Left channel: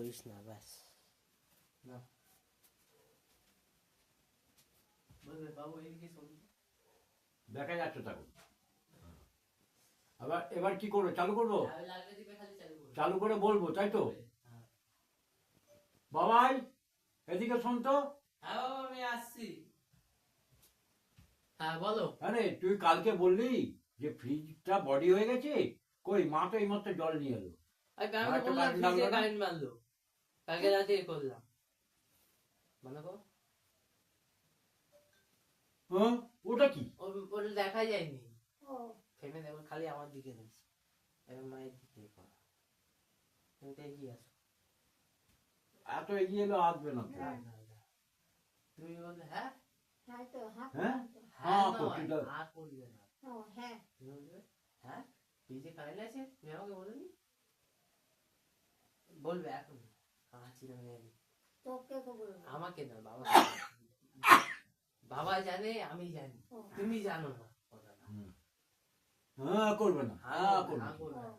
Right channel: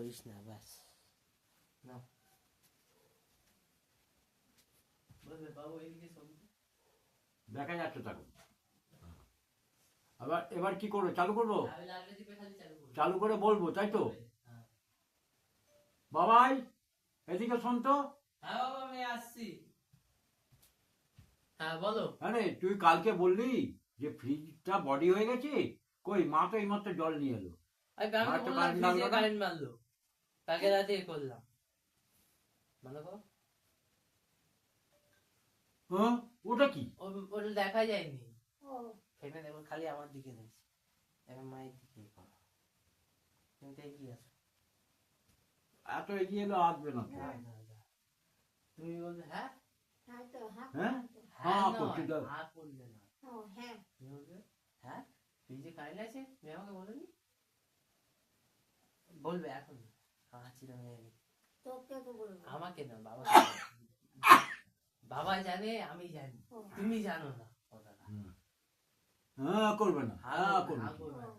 করিস না, ব্যাস। না বলবে বাবু এইদিকে শোন, দেখা যাচ্ছে থাকুন। আবার এবার কি করবো, চালু করবো? চালু করে বলবো, তাই তো? বাবাই এদিকে শোন তো। হ্যাঁ বাবা আমি আসছি। হ্যাঁ বলো। আরে তুই কালকে বললি যে ফ্রিজটা বডি হয়ে গেছে, কই মা তো এইমাত্র জল নিয়ে এলো। আমি তো বললাম ফ্রিজে কারেন্ট মারলো, কালকে রাতে করলাম। বলো গো। ওটা কি? ওটা দেখা যায়নি। ফেনে দেবো খালি আমার দিকে নেই, এবার মায়ের দিকে করো। তুমি তো এগিয়ে আসো। এত এগিয়ে এলো আসবে না তো। তুমি বললে হ্যাঁ হ্যাঁ হ্যাঁ হ্যাঁ করলে করছি না তুমি বলবে হ্যাঁ ফ্রিজে কারেন্ট আছে, তুমি আমাকে বলোনি। বলবে এখন আমাকে না বাবা, বাবা জানে আমি জানি, তুমি জানো না কথাটা। হ্যাঁ করবে না, হ্যাঁ করবে না।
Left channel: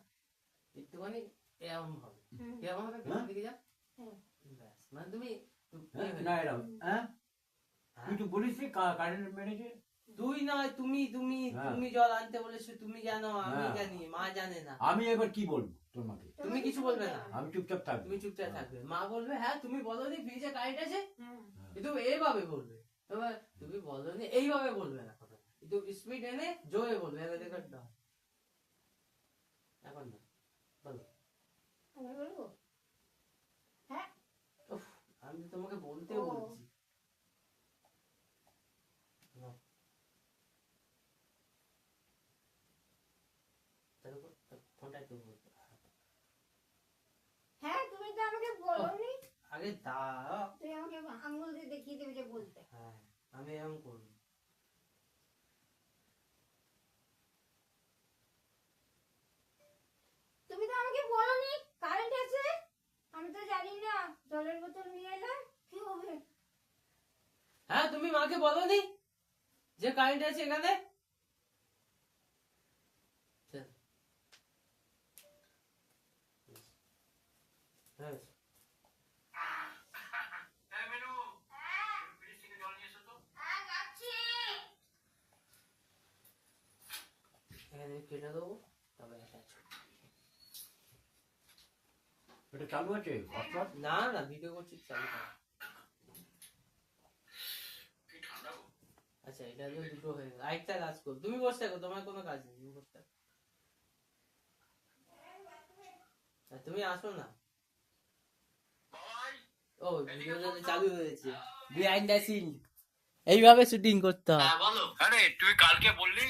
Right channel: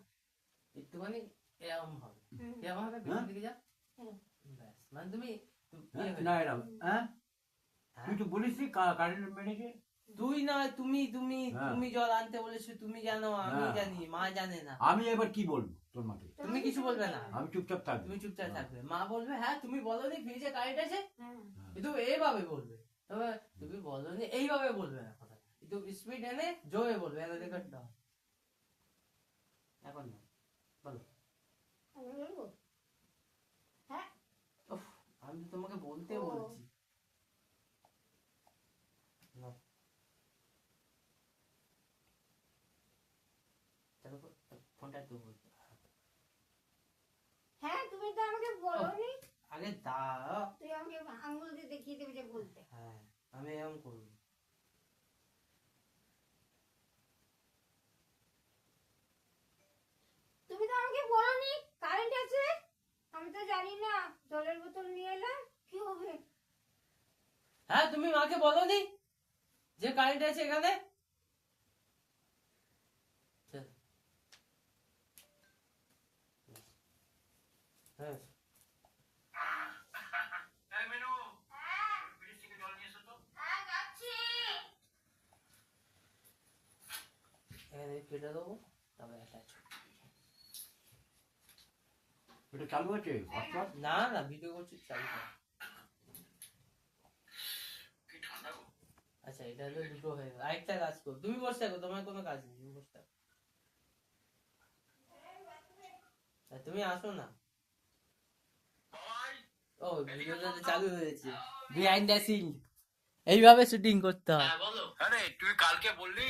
একটুখানি এরকম হবে, এরকম হবে, পেছন দিকে যাও, ব্যাস। মানে তুমি না এরকম হ্যাঁ তুই তো বলিস কারেন্ট মেরেছে। তুই নয় তুমি, তুমি তুমি জল আনতে বলেছো, তুমি জানো আমি জানি, মা জানে না। আমি এবার কি বলবো তোমাকে? তুমি কিছু বলবে না, আমি চুপচাপ থাকবো। তুমি চুপচাপ থাকবে। মা বলবে হ্যাঁ তুমি বলোনি ফ্রিজে কারেন্ট আছে, কিন্তু এইভাবে বলবে। তুমি বলোনি এইভাবে বলবে না, কথা একটু স্পিড এনে জোরে বলবে। এখন না বলো। আমি তোমাকে বলতে বলছি। ফোনটা একটু বলতে হ্যাঁ তুমি তো আমাকে বলোনি। আগে দাও, তুই আমাকে আঙ্গুল দিয়ে দেখিয়ে দেবে যে বলতে। হ্যাঁ আমি এরকম করবো। তুমি তো আমাকে বলোনি কারেন্ট আছে, আমি তো জানি না। জলের বোতল নিয়ে এলাম, কি হবে? হ্যাঁ তুমি মাকে বলোনি যে কারেন্ট আছে এখানে। হ্যাঁ কেটে দেবো, তবে এটা চালু আছে? না না ভিডিও করছি, চালু কর। আচ্ছা এটা হলো দুটো হয়ে গেল, আরেকটা কাজ করো, তুমি বসে থাকো, তোমার কোনো কাজ নেই, তুমি বসে থাকো। তুমি আসো না। ও ভিডিওটা চালু হয়েছে, বিহাইন্ড দ্য সিন এইভাবে শুটিং করতে হয়। আরে তুই কালকে বললি